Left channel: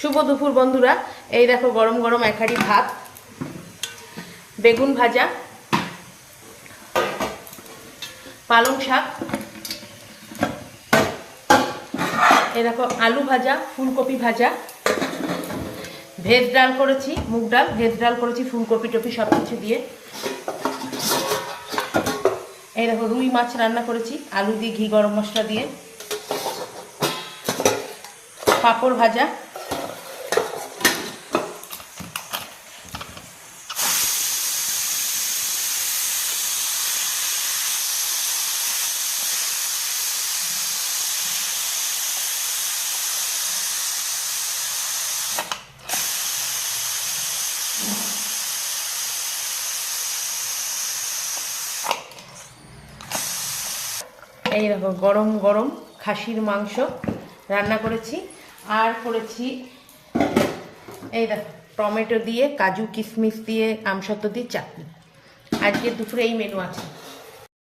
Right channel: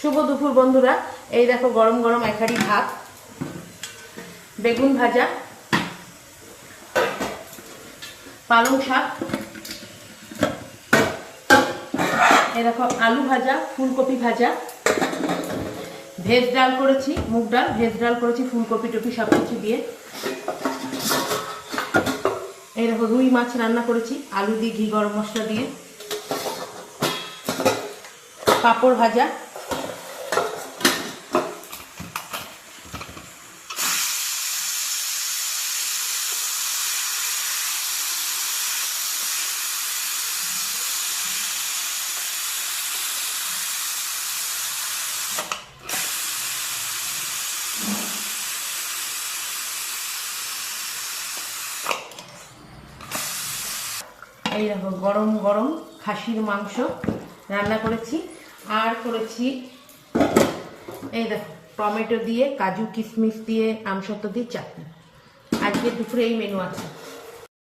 শুভ দুপুর বন্ধুরা। এই দেখো গরম গরম এক হাঁড়ি ভাত, বেগুন ভাজা, পালং শাক, এই দেখো আলু ভাজা, ফুলকপি ভাজা, ভেজ ডাল করেছি, মুগ ডাল ভেজ ডাল করেছি, ফুলকপি টপি সব কিছু দিয়ে। এই দেখো রুই মাছ রান্না করেছি আলু দিয়ে, ঘি গরম মশলা দিয়ে, পাঁপড় ভাজা, এই দেখো গরম গরম খাসির মাংস রান্না করেছি, আর করেছি এই দেখো টমেটো দিয়ে, কাজু কিশমিশ দিয়ে, আমসত্ত্ব দিয়ে চাটনি। আজকে দুপুরে এই মেনু আছে।